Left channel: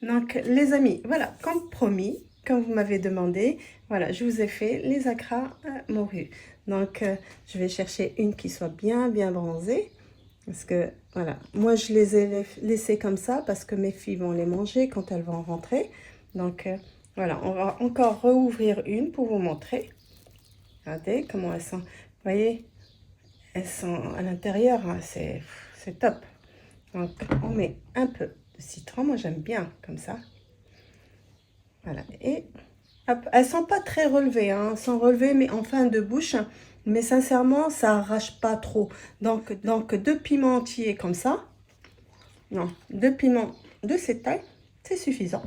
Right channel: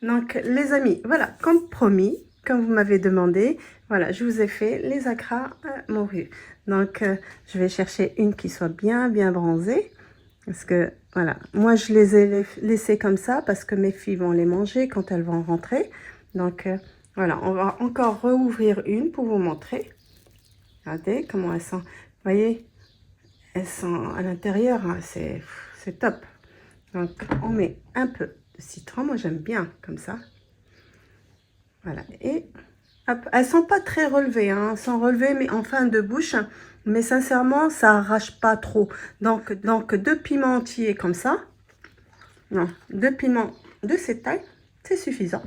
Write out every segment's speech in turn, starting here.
Donc les amis, voilà, comme promis, comme vous m'avez demandé, voilà, je vous ai fait les acras morues. Donc je vais chercher une qui soit bien bronzée. Parce que voilà, moi je les ai laissées comme ça parce que mes filles vont les manger quand elles vont rentrer. Donc voilà, on va encore rouvrir une pour vous montrer. Regardez comment elles sont. Vous voyez, elles sont à l'intérieur, hein, c'est top. Donc on met un peu de citron, moi j'aime bien comme ça. Voilà, et hop, elles sont pas très relevées, hein, elles sont relevées mais en fin de bouche, mais sincèrement ça arrache pas trop. Donc 2 piments entiers comme ça, non, 2 piments de cette taille, c'est suffisant.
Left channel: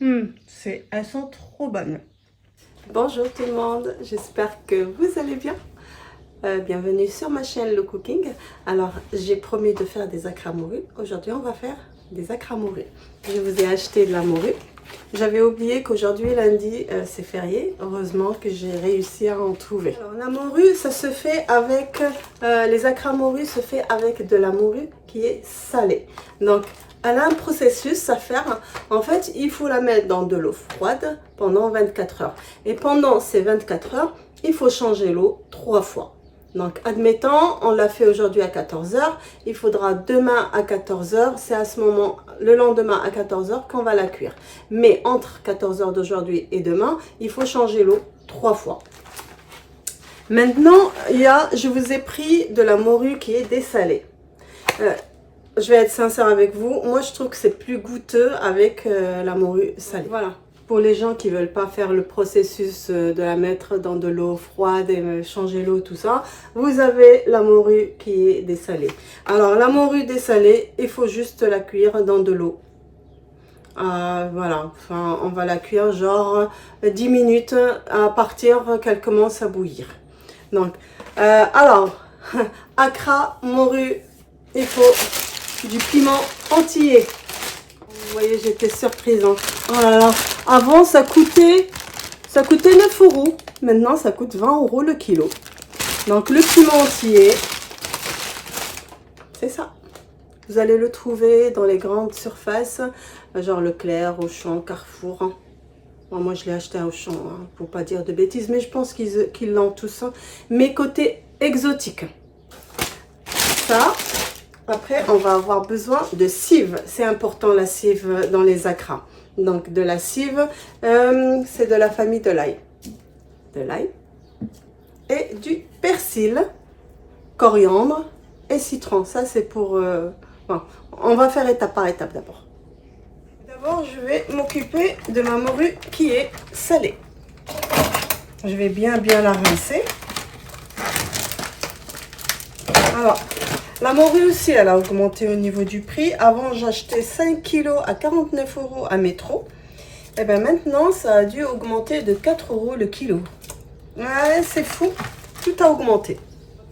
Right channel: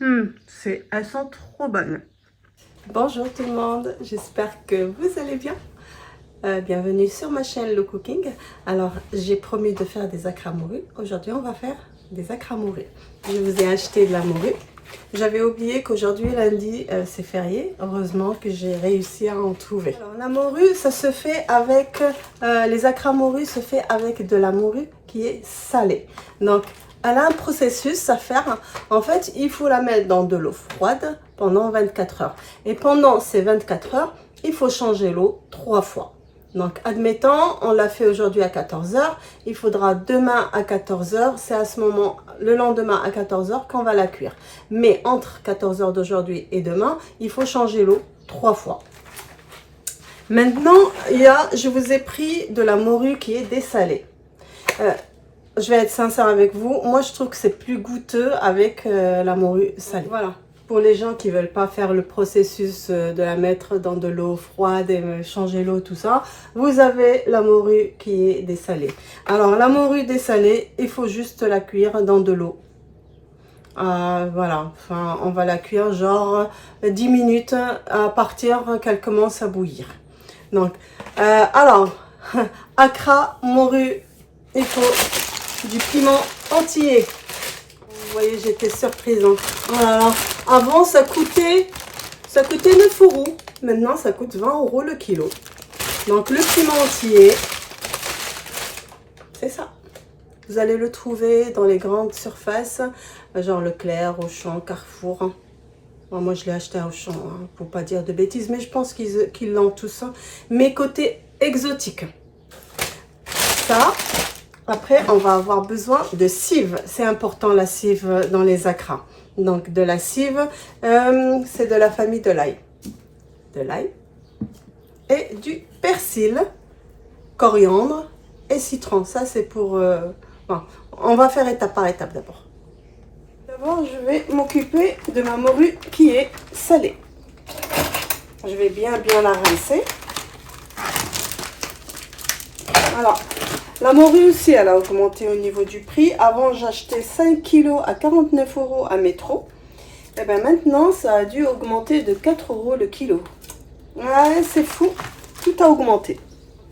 Elles sont trop bonnes. Bonjour tout le monde, j'espère que vous allez bien. Bienvenue sur ma chaîne Le Cooking. Alors j'ai promis de faire des acras morues. Aujourd'hui on va faire des acras morues. Je vous ai acheté de la morue. J'avais oublié qu'aujourd'hui lundi c'est férié. Heureusement que j'ai réussi à en trouver. Alors la morue, ça se fait avec les acras morues se fait avec de la morue qui est salée. Donc elle a un processus à faire. En fait, il faut la mettre dans de l'eau froide pendant 24 heures. Et pendant ces 24 heures, il faut changer l'eau 3 fois. Donc, admettons, on l'a fait aujourd'hui à 14 heures. Il faudra demain à 14 heures. C'est à ce moment, le lendemain à 14 heures qu'on va la cuire. Mais entre 14 heures d'aujourd'hui et demain, il faut changer l'eau 3 fois. Maintenant, je vous ai pris de la morue qui est dessalée. Je vais être sincère avec vous. Moi, je trouve que c'est plus goûteux avec la morue salée. Voilà. Pour les gens qui veulent pas faire le processus de la mettre dans de l'eau froide et changer l'eau, tout ça, vous avez la morue qui est dessalée. Alors, la morue dessalée, il faut juste la cuire dans de l'eau. Voilà, enfin, on va la cuire genre 10 minutes à partir qu'elle commence à bouillir. Donc, alors, acra, morue, il faut du piment entier. Vous voyez, j'étais surprise. Hein. Oh là là. Avant, ça coûtait 9 euros. Maintenant, ça coûte 20 euros le kilo. Donc, le piment entier, c'est ça. Vous allez le trouver dans les grandes surfaces, genre Leclerc, Auchan, Carrefour. Hein. Moi, je l'ai acheté à Auchan, hein, pour pas dire de bêtises, mais je pense qu'ils l'ont tous. Hein. Mais côté exotique. Ça. Après, on va avoir besoin de cive. C'est important la cive dans les acras. Donc, de la cive, c'est de la famille de l'ail. De l'ail. Et du persil, coriandre et citron. Ça, c'est pour... Bon, on va faire étape par étape d'abord. D'abord, je vais m'occuper de ma morue qui est salée. Je vais bien la rincer. Alors... La morue aussi, elle a augmenté au niveau du prix. Avant, j'achetais 5 kg à 49 euros à Métro. Et bien maintenant, ça a dû augmenter de 4 euros le kilo. Ouais, c'est fou. Tout a augmenté.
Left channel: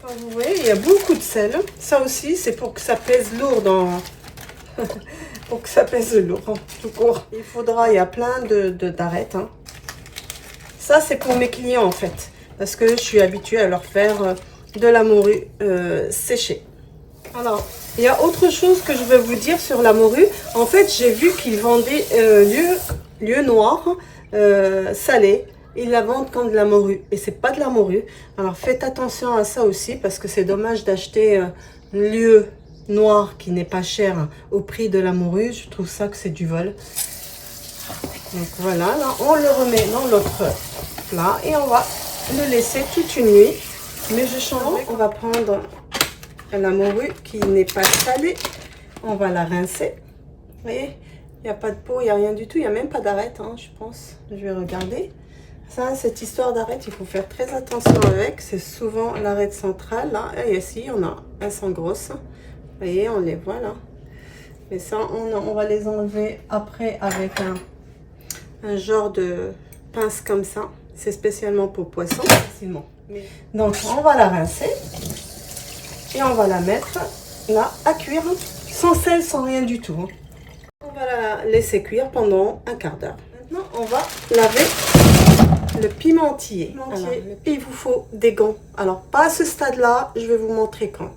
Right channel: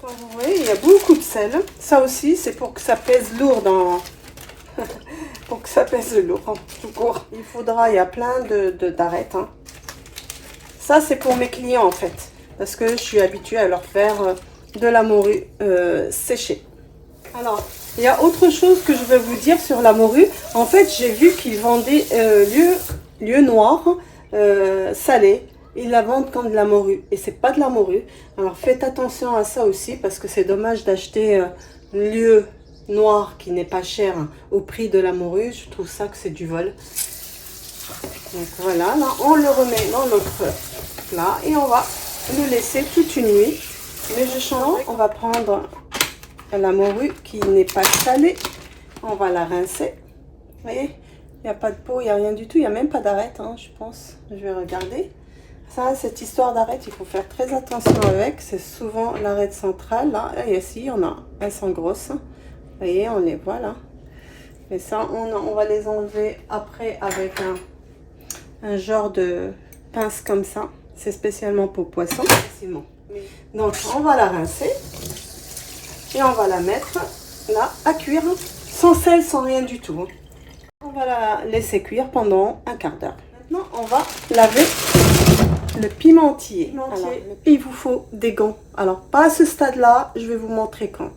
Enfin, vous voyez, il y a beaucoup de sel. Ça aussi, c'est pour que ça pèse lourd dans... pour que ça pèse lourd, hein, tout court. Il y a plein d'arêtes. Hein. Ça, c'est pour mes clients, en fait. Parce que je suis habituée à leur faire de la morue séchée. Alors, il y a autre chose que je vais vous dire sur la morue. En fait, j'ai vu qu'ils vendaient lieu noir, salé. Ils la vendent comme de la morue. Et c'est pas de la morue. Alors, faites attention à ça aussi. Parce que c'est dommage d'acheter lieu noir qui n'est pas cher au prix de la morue. Je trouve ça que c'est du vol. Donc voilà, là, on le remet dans notre plat. Et on va le laisser toute une nuit. Mais je change. On va prendre... la morue qui n'est pas salée, on va la rincer. Vous voyez, il n'y a pas de peau, il n'y a rien du tout, il n'y a même pas d'arête, hein, je pense. Je vais regarder. Ça, cette histoire d'arête, il faut faire très attention avec. C'est souvent l'arête centrale, là. Et ici, il y en a. Elles sont grosses. Vous voyez, on les voit là. Mais ça, on va les enlever après avec un genre de pince comme ça. C'est spécialement pour poisson. Donc, on va la rincer. Et on va la mettre là à cuire, sans sel, sans rien du tout. On va la laisser cuire pendant un quart d'heure. Maintenant, on va laver le pimentier. Alors, il vous faut des gants. Alors, pas à ce stade-là, je vais vous montrer quand.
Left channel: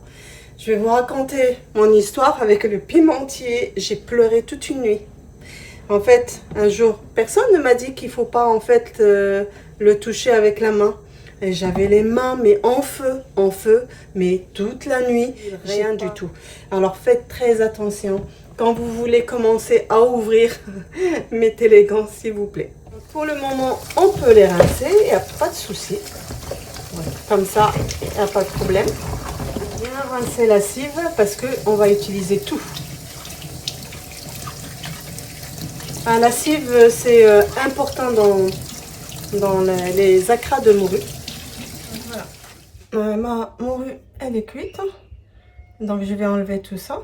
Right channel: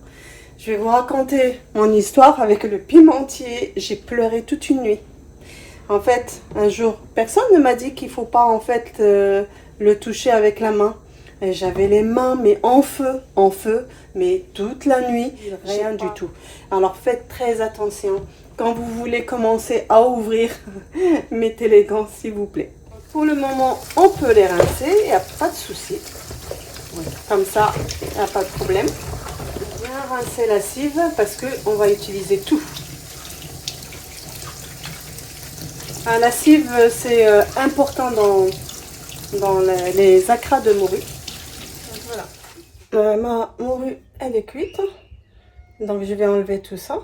Je vais vous raconter mon histoire avec le pimentier. J'ai pleuré toute une nuit. En fait, un jour, personne ne m'a dit qu'il faut pas en fait le toucher avec la main. Et j'avais les mains mais en feu, mais toute la nuit, rien du tout. Alors faites très attention. Quand vous voulez commencer à ouvrir, mettez les gants s'il vous plaît. Pour le moment, on peut les rincer, il n'y a pas de souci. Comme ça, il n'y a pas de problème. Bien rincer la cive parce qu'on va utiliser tout. La cive, c'est important dans les acras de morue. Voilà. Ma morue, elle est cuite. Donc, je vais enlever tout ça.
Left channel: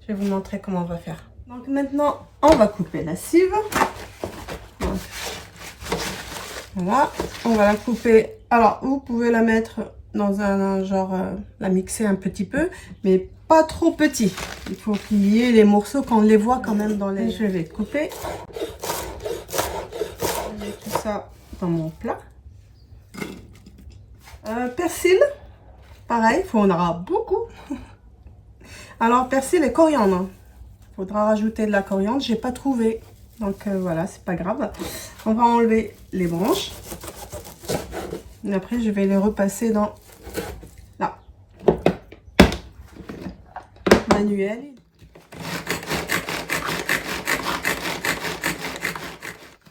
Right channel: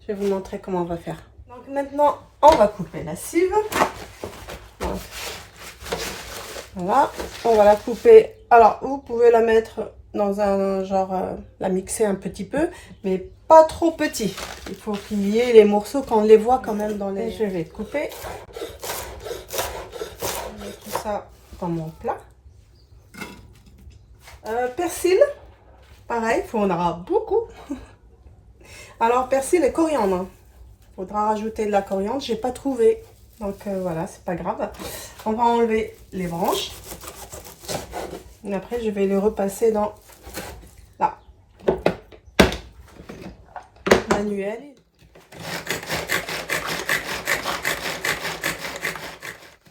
Je vais vous montrer comment on va faire. Donc, maintenant, on va couper la cive. Donc, voilà. On va la couper. Alors, vous pouvez la mettre dans un genre, la mixer un petit peu, mais pas trop petit. Il faut qu'il y ait les morceaux, qu'on les voit quand même dans les... Je vais couper. Je mets tout ça dans mon plat. Persil, pareil, il en aura beaucoup. Alors, persil et coriandre. Il faudra rajouter de la coriandre, j'ai pas trouvé. Donc voilà, c'est pas grave. On va enlever les branches. Et après, je vais les repasser dans là. Manuel.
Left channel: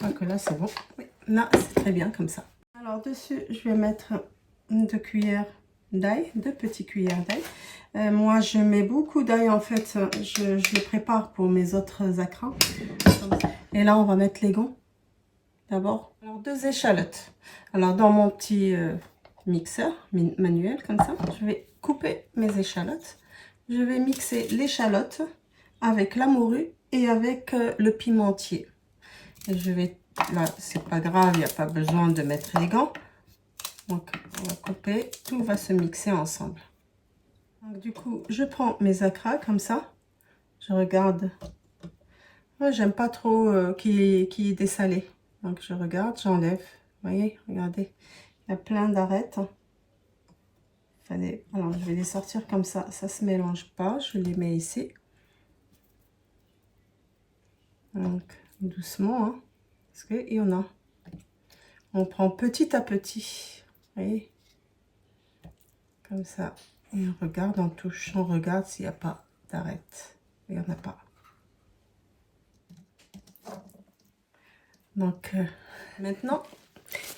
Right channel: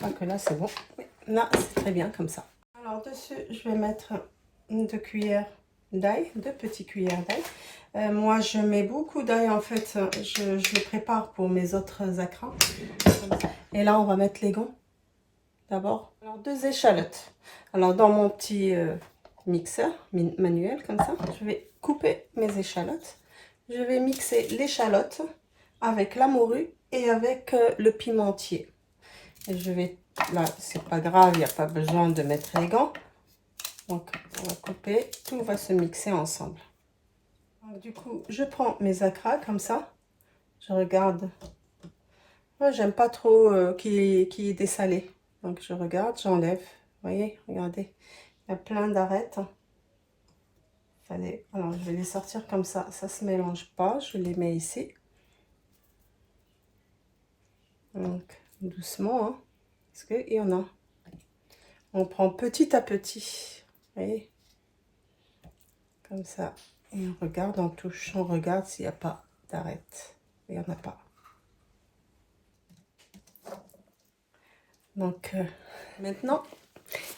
Donc là, c'est bon. Oui. Là, c'est très bien comme ça. Alors, dessus, je vais mettre 2 cuillères d'ail, 2 petites cuillères d'ail. Moi, je mets beaucoup d'ail, en fait, je les prépare pour mes autres acras. Et là, on va mettre les gonds d'abord. Alors, 2 échalotes. Alors, dans mon petit mixeur manuel, comme ça, je vais couper mes échalotes. Je vais mixer l'échalote avec la morue et avec le pimentier. Et je vais, là, c'est pas grave, il n'y a pas besoin de mettre les gants. Donc, on va couper, tout va se mixer ensemble. Donc, du coup, je prends mes acras comme ça. Je regarde. Moi, j'aime pas trop qu'il est dessalé. Donc, je regarde, j'enlève. Vous voyez, regardez, il y a plein d'arêtes. Alors, je vais les sortir comme ça. Ça se mélange pas. Je les mets ici. Donc, doucement, hein, parce qu'il y en a. On prend petit à petit. Vous voyez, comme ça. Et on regarde, on touche, on regarde s'il n'y a pas d'arête. Il n'y en a pas. Donc, maintenant,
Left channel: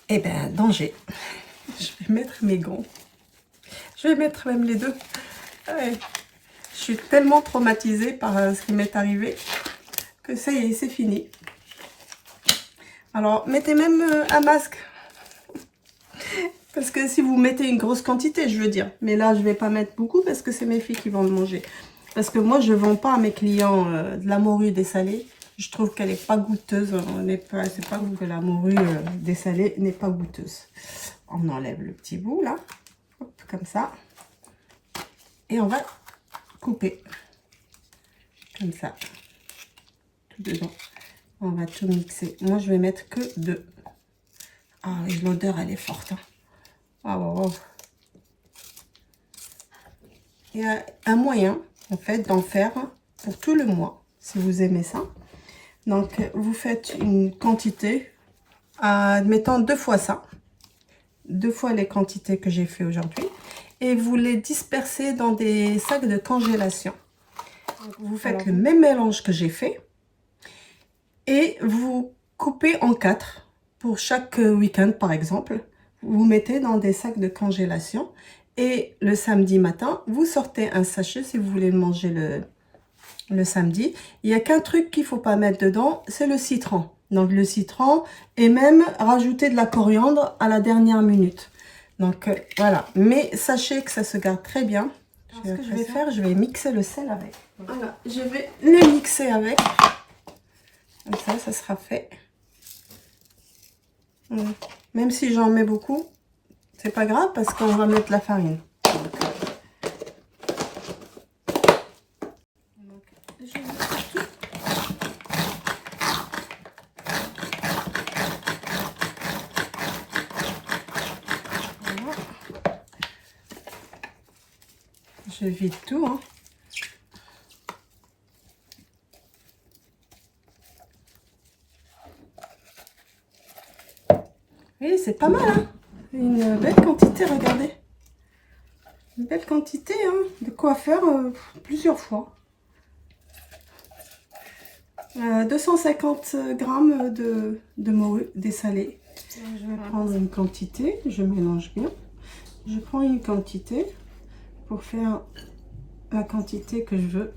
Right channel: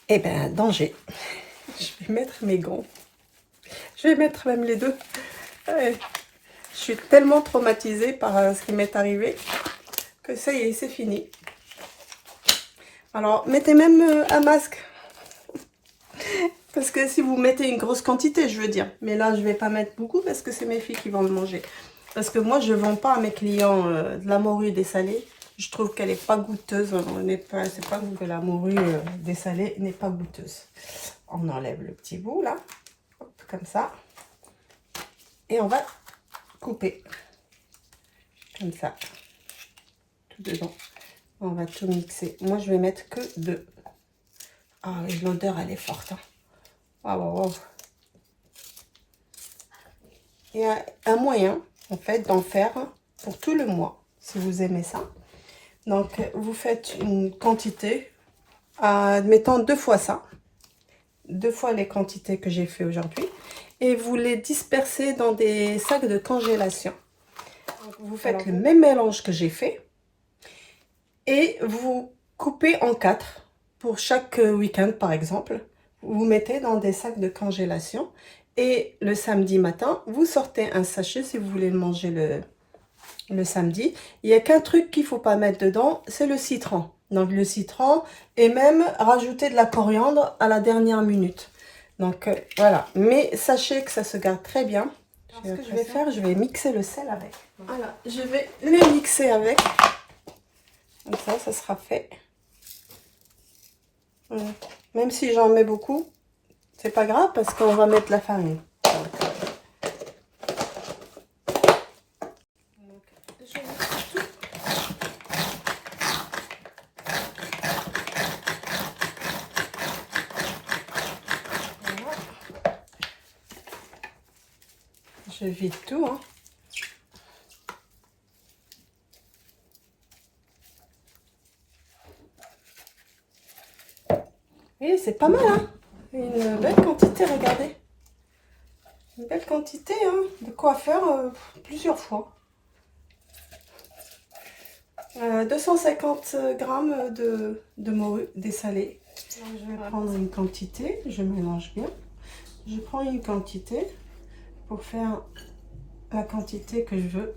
eh bien, danger. Je vais mettre mes gants. Je vais mettre même les deux. Ouais. Je suis tellement traumatisée par ce qui m'est arrivé que ça y est, c'est fini. Alors, mettez même un masque. Parce que si vous mettez une grosse quantité, je veux dire. Mais là, je ne vais pas mettre beaucoup parce que c'est mes filles qui vont le manger. Parce que moi, je ne vends pas à mes clients de la morue dessalée. Je trouve qu'elle n'est pas goûteuse. C'est pas que la morue dessalée n'est pas goûteuse. On enlève le petit bout là. Hop, comme ça. Et on va couper. Comme ça. Tout dedans. On va tout mixer. Moi, je vais mettre que 2. Ah oui, l'odeur, elle est forte. Hein. Ah, wow. Il y a un moyen, en fait, d'en faire pour tout le mois, si vous aimez ça. Donc, vous faites une quantité, admettons 2 fois ça. 2 fois les quantités que j'ai fait aujourd'hui. Et vous les dispersez dans des sacs de congélation. Donc, vous faites le même mélange que j'ai fait. Et vous coupez en 4 pour chaque week-end, par exemple. Vous mettez dans des sacs de congélation. Et le samedi matin, vous sortez un sachet si vous voulez le manger le samedi. Il n'y a qu'un truc qu'il ne faut pas mettre dedans, c'est le citron. Donc le citron et même rajouter de la coriandre à la dernière minute. Donc voilà, mais sachez que ça se garde très bien. Ce que je vais faire, je vais mixer le sel avec. Voilà, je vais le mixer avec. Comme ça sera fait. Même si j'en mets beaucoup, c'est pas grave parce qu'on va mettre la farine. Je vide tout. Hein. Et c'est pas mal, hein? Une belle quantité, regardez. Une belle quantité, hein, de quoi faire plusieurs fois. 250 grammes de morue dessalée. Je vais prendre une quantité, je mélange bien. Je prends une quantité pour faire la quantité que je veux.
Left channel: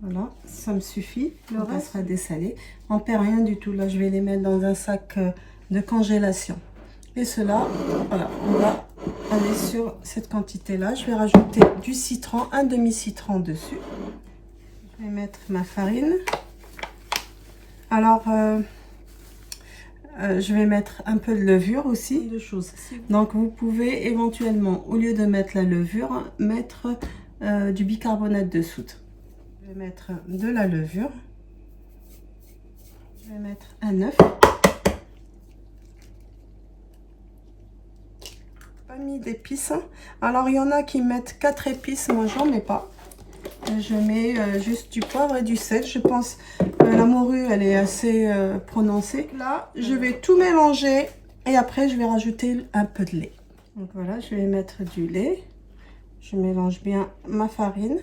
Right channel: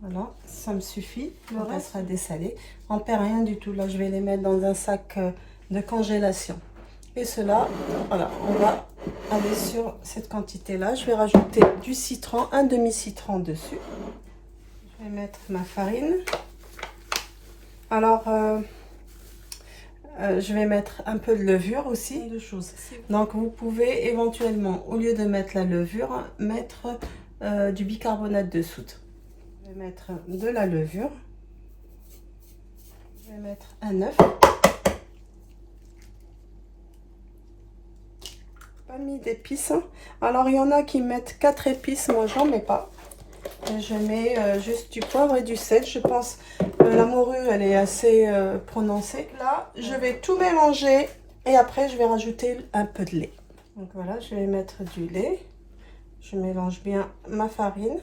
Voilà, ça me suffit. Le reste sera dessalé. On ne perd rien du tout. Là, je vais les mettre dans un sac de congélation. Et cela, voilà, on va aller sur cette quantité-là. Je vais rajouter du citron, un demi-citron dessus. Je vais mettre ma farine. Alors, je vais mettre un peu de levure aussi. Donc, vous pouvez éventuellement, au lieu de mettre la levure, mettre du bicarbonate de soude. Je vais mettre de la levure. Je vais mettre un œuf. Pas mis d'épices. Alors, il y en a qui mettent 4 épices. Moi, j'en mets pas. Je mets juste du poivre et du sel. Je pense la morue, elle est assez prononcée. Là, je vais tout mélanger et après, je vais rajouter un peu de lait. Donc voilà, je vais mettre du lait. Je mélange bien ma farine.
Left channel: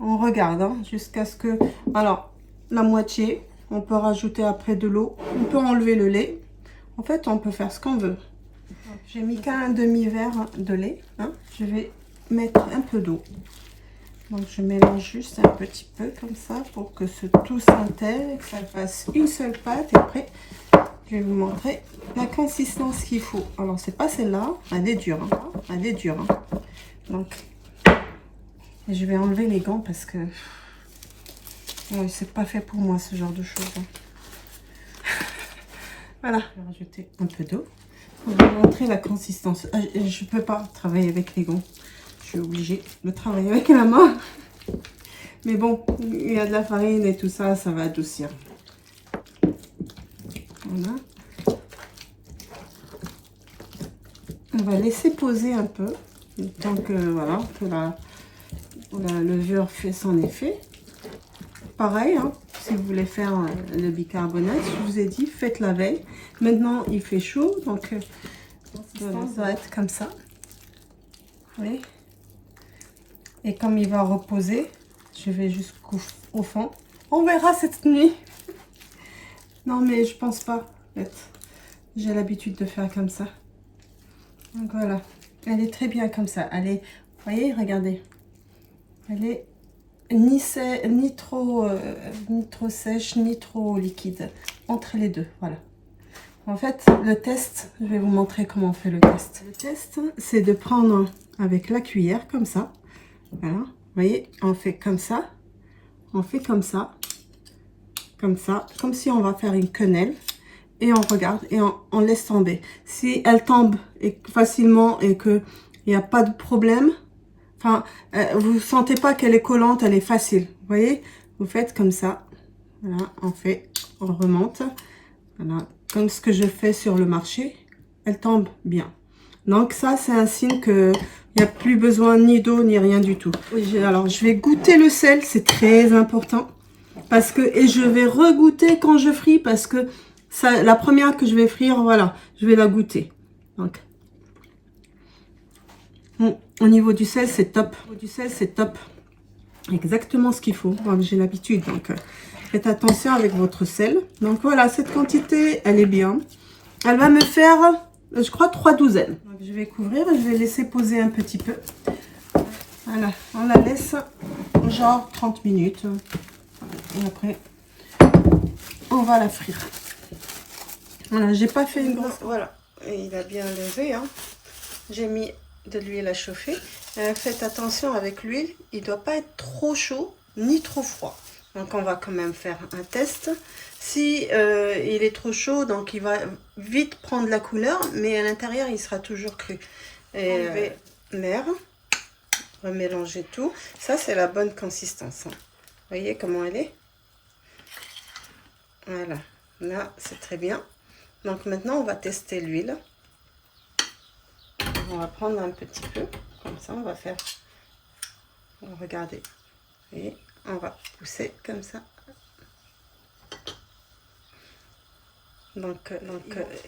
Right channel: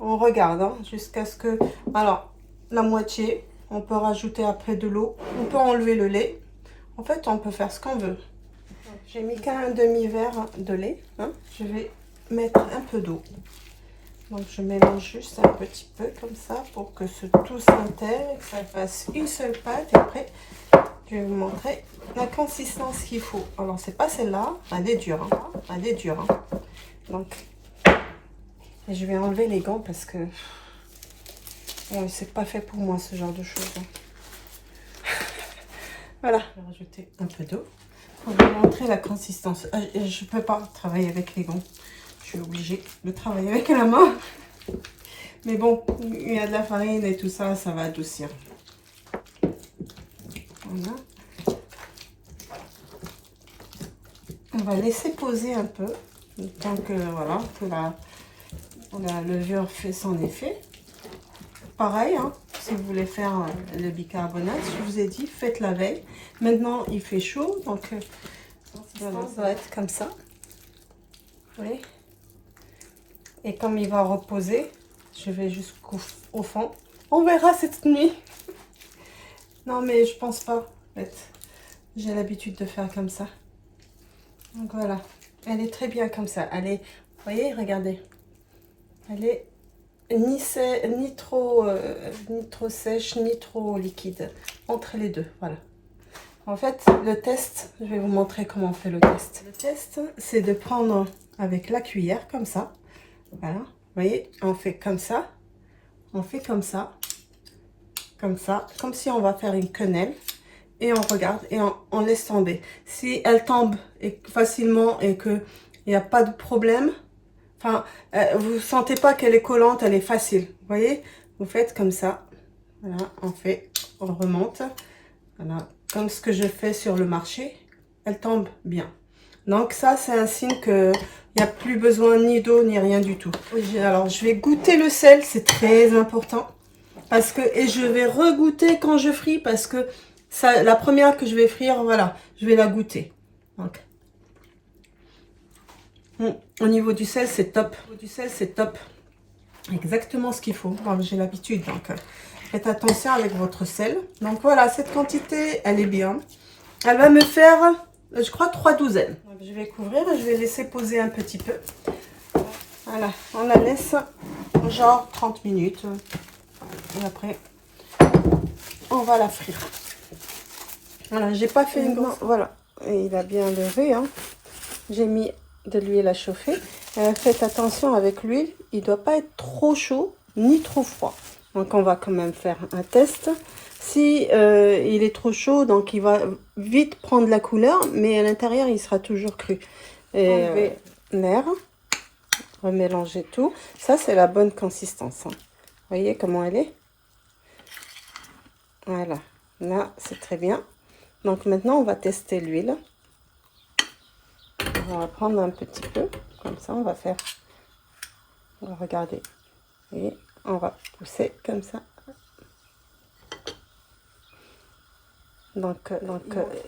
On regarde hein, jusqu'à ce que... Alors, la moitié. On peut rajouter après de l'eau. On peut enlever le lait. En fait, on peut faire ce qu'on veut. J'ai mis qu'un demi-verre de lait. Hein. Je vais mettre un peu d'eau. Donc, je mélange juste un petit peu comme ça pour que tout s'intègre, que ça fasse une seule pâte. Et après, je vais vous montrer la consistance qu'il faut. Alors, c'est pas celle-là. Elle est dure. Hein. Elle est dure. Hein. Donc, je vais enlever les gants parce que c'est pas fait pour moi ce genre de choses. Hein. Voilà. Je vais rajouter un peu d'eau. On va montrer la consistance. Je peux pas travailler avec les gants. Je suis obligée de travailler avec la main. Mais bon, il y a de la farine et tout ça, ça va adoucir. Voilà. On va laisser poser un peu. Tant que, voilà, que la levure fait son effet. Pareil, hein, si vous voulez faire le bicarbonate, je vous ai dit, faites la veille. Maintenant, il fait chaud, donc voilà, ça va être comme ça. Vous voyez? Et comme il va reposer, je vais jusqu'au fond. On verra cette nuit. Non, mais je pense pas. En fait, j'ai l'habitude de faire comme ça. Donc voilà. Elle est très bien comme ça. Elle est, vous voyez, regardez. Elle est ni trop sèche, ni trop liquide. Entre les deux, voilà. En fait, le test, je vais vous montrer comment on fait le test. Le test, c'est de prendre avec la cuillère, comme ça. Voilà, vous voyez, on fait comme ça. On fait comme ça. Comme ça. Comme si on va faire une quenelle. Et on regarde et on laisse tomber. Si elle tombe facilement et qu'il n'y a pas de problème, enfin, vous ne sentez pas qu'elle est collante, elle est facile. Vous voyez, vous faites comme ça. Voilà, on remonte. Voilà, comme ce que je fais sur le marché. Elle tombe bien. Donc ça, c'est un signe qu'il n'y a plus besoin ni d'eau ni rien du tout. Alors, je vais goûter le sel, c'est très important. Parce que, et je vais regoûter quand je fris parce que ça, la première que je vais frire, voilà, je vais la goûter. Donc, au niveau du sel, c'est top. Au niveau du sel, c'est top. Exactement ce qu'il faut. J'ai l'habitude, donc faites attention avec votre sel. Donc voilà, cette quantité, elle est bien. Elle va me faire, je crois, 3 douzaines. Donc, je vais couvrir et je vais laisser poser un petit peu. Voilà, on la laisse genre 30 minutes. Et après, on va la frire. Voilà, j'ai pas fait une grande... Voilà, et il a bien levé. Hein. J'ai mis de l'huile à chauffer. Faites attention avec l'huile, il ne doit pas être trop chaud ni trop froid. Donc on va quand même faire un test. Si il est trop chaud, donc il va vite prendre la couleur, mais à l'intérieur il sera toujours cru. Et enlever l'air, remélanger tout. Ça c'est la bonne consistance. Hein. Vous voyez comment elle est? Voilà, là c'est très bien. Donc maintenant on va tester l'huile. On va prendre un petit peu, comme ça on va faire, regardez, et on va pousser comme ça. Donc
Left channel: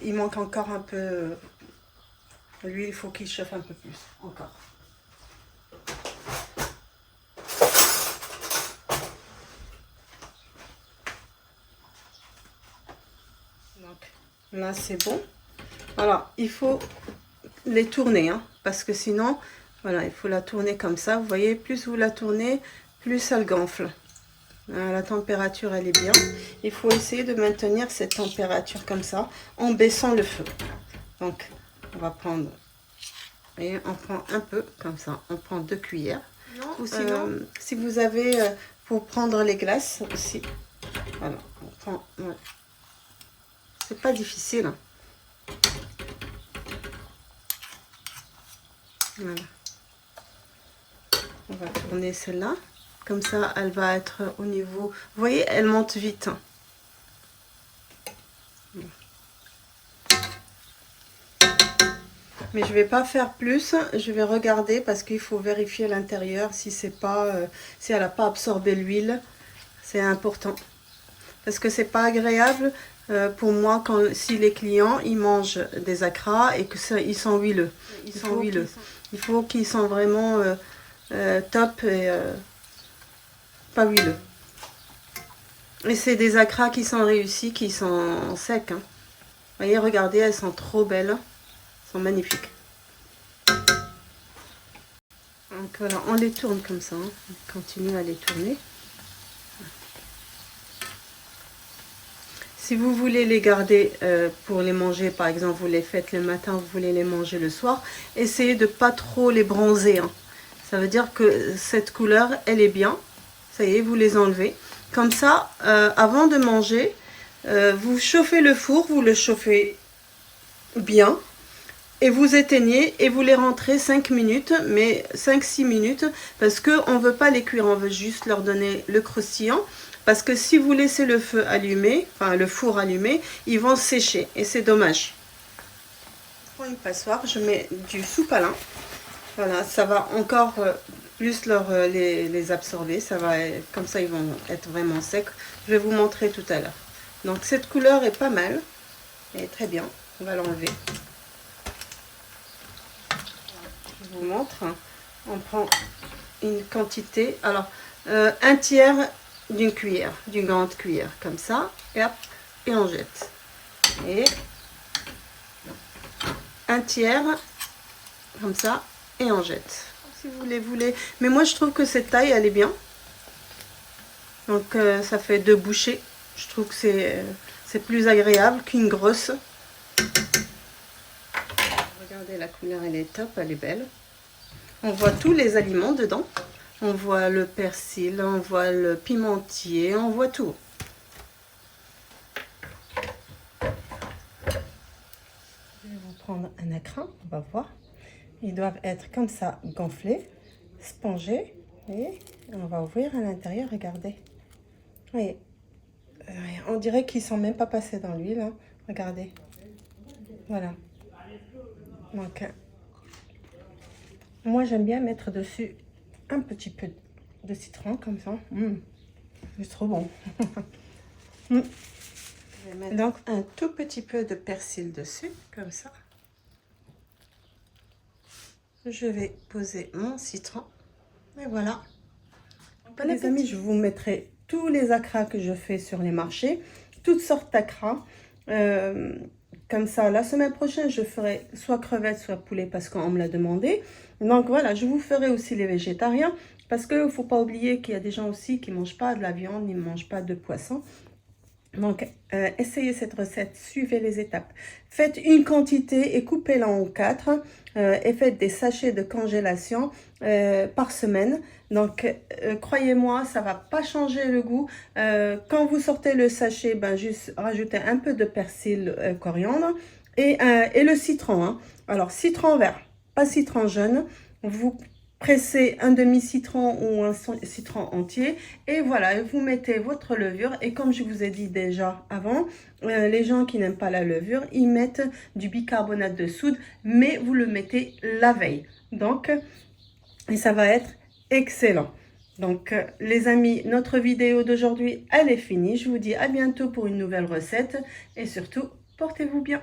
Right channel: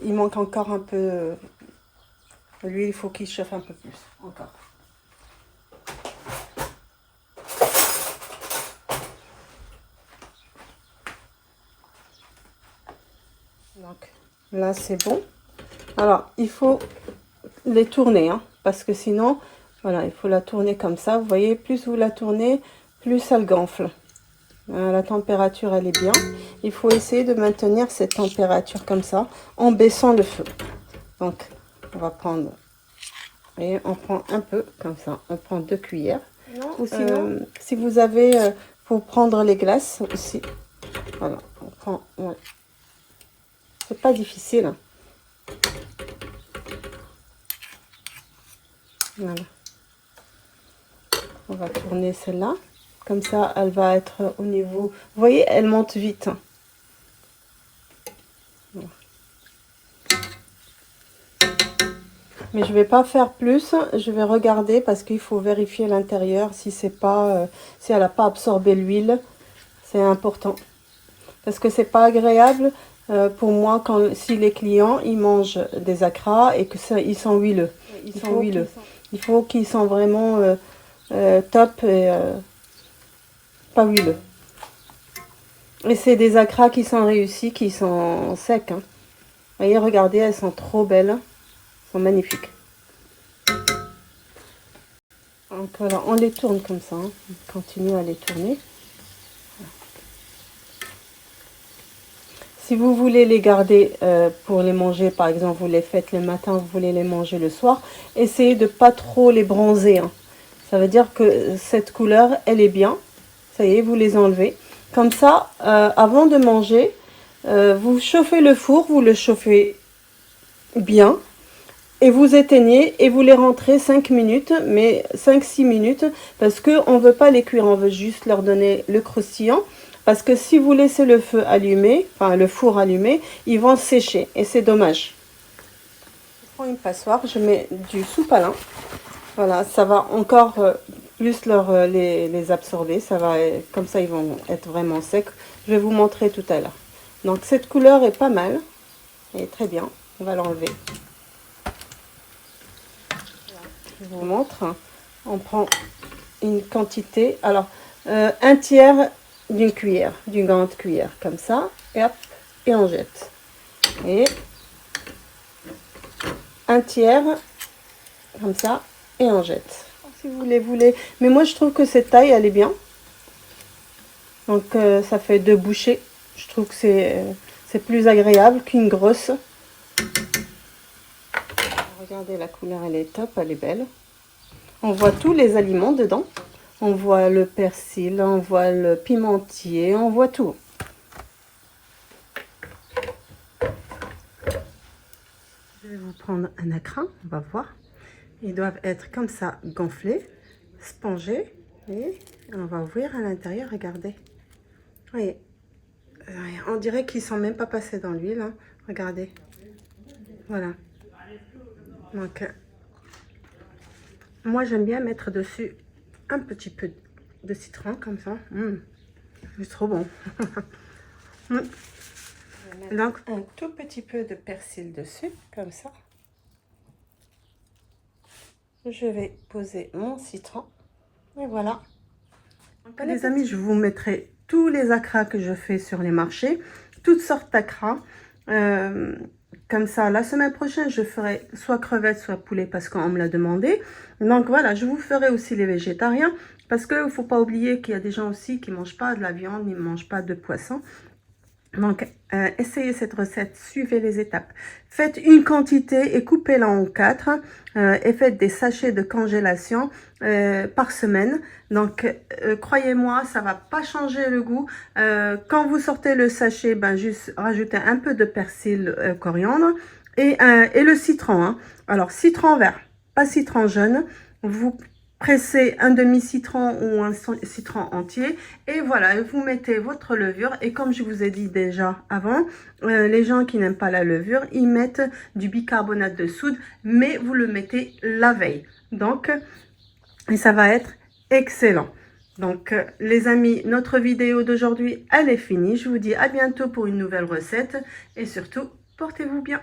il manque encore un peu. Lui, il faut qu'il chauffe un peu plus. Encore. Donc là, c'est bon. Alors, il faut les tourner, hein, parce que sinon, voilà, il faut la tourner comme ça. Vous voyez, plus vous la tournez, plus elle gonfle. La température, elle est bien. Il faut essayer de maintenir cette température comme ça, en baissant le feu. Donc, on va prendre, et on prend un peu comme ça. On prend 2 cuillères. Ou sinon, si vous avez, pour prendre les glaces aussi. Voilà, on prend, ouais. C'est pas difficile. Hein. Voilà. On va tourner celle-là. Comme ça, elle va être au niveau... Vous voyez, elle monte vite. Voilà. Mais je vais pas faire plus. Je vais regarder parce qu'il faut vérifier l'intérieur si c'est pas, si elle n'a pas absorbé l'huile. C'est important. Parce que c'est pas agréable pour moi si les clients ils mangent des acras et que ça, ils sont huileux. Il faut qu'ils sont vraiment top et pas huileux. Et c'est des acras qui sont réussis, qui sont secs. Hein. Vous voyez, regardez, elles sont trop belles. Elles sont magnifiques. Donc voilà, on les tourne comme ça. Hein. On continue à les tourner. Si vous voulez les garder pour les manger, par exemple, vous les faites le matin, vous voulez les manger le soir, essayez de pas trop les bronzer. Hein. Ça veut dire que cette couleur, elle est bien. Ça y est, vous les enlevez. Comme ça, avant de manger, vous chauffez le four, vous le chauffez bien. Et vous éteignez et vous les rentrez 5 minutes, mais 5-6 minutes, parce qu'on ne veut pas les cuire, on veut juste leur donner le croustillant. Parce que si vous laissez le feu allumé, enfin le four allumé, ils vont sécher et c'est dommage. Je prends une passoire, je mets du sous-palin. Voilà, ça va encore plus les absorber. Ça va, comme ça, ils vont être vraiment secs. Je vais vous montrer tout à l'heure. Donc cette couleur est pas mal, elle est très bien. On va l'enlever. Je vous montre. On prend une quantité. Alors, un tiers d'une cuillère, d'une grande cuillère, comme ça. Et hop, et on jette. Et un tiers, comme ça, et on jette. Si vous voulez. Mais moi, je trouve que cette taille, elle est bien. Donc, ça fait 2 bouchées. Je trouve que c'est plus agréable qu'une grosse. Regardez, la couleur, elle est top, elle est belle. On voit tous les aliments dedans. On voit le persil, on voit le pimentier, on voit tout. Je vais vous prendre un écran, on va voir. Ils doivent être comme ça, gonflés, spongés. Et on va ouvrir à l'intérieur, regardez. Oui. On dirait qu'ils ne sont même pas passés dans l'huile. Hein. Regardez. Voilà. Donc, moi, j'aime bien mettre dessus un petit peu de citron, comme ça. C'est trop bon. Je vais mettre donc un tout petit peu de persil dessus, comme ça. Je vais poser mon citron. Et voilà. Donc, les amis, je vous mettrai tous les acras que je fais sur les marchés. Toutes sortes d'acras. Comme ça, la semaine prochaine, je ferai soit crevettes, soit poulet parce qu'on me l'a demandé. Donc voilà, je vous ferai aussi les végétariens parce qu'il ne faut pas oublier qu'il y a des gens aussi qui ne mangent pas de la viande, ils ne mangent pas de poisson. Donc, essayez cette recette, suivez les étapes. Faites une quantité et coupez-la en 4 et faites des sachets de congélation par semaine. Donc, croyez-moi, ça va pas changer le goût. Quand vous sortez le sachet, ben, juste rajoutez un peu de persil coriandre et le citron. Hein. Alors, citron vert, pas citron jaune. Vous pressez un demi-citron ou un citron entier et voilà, vous mettez votre levure et comme je vous ai dit déjà avant, les gens qui n'aiment pas la levure, ils mettent du bicarbonate de soude, mais vous le mettez la veille. Donc, et ça va être excellent. Donc, les amis, notre vidéo d'aujourd'hui, elle est finie. Je vous dis à bientôt pour une nouvelle recette et surtout, Portez-vous bien.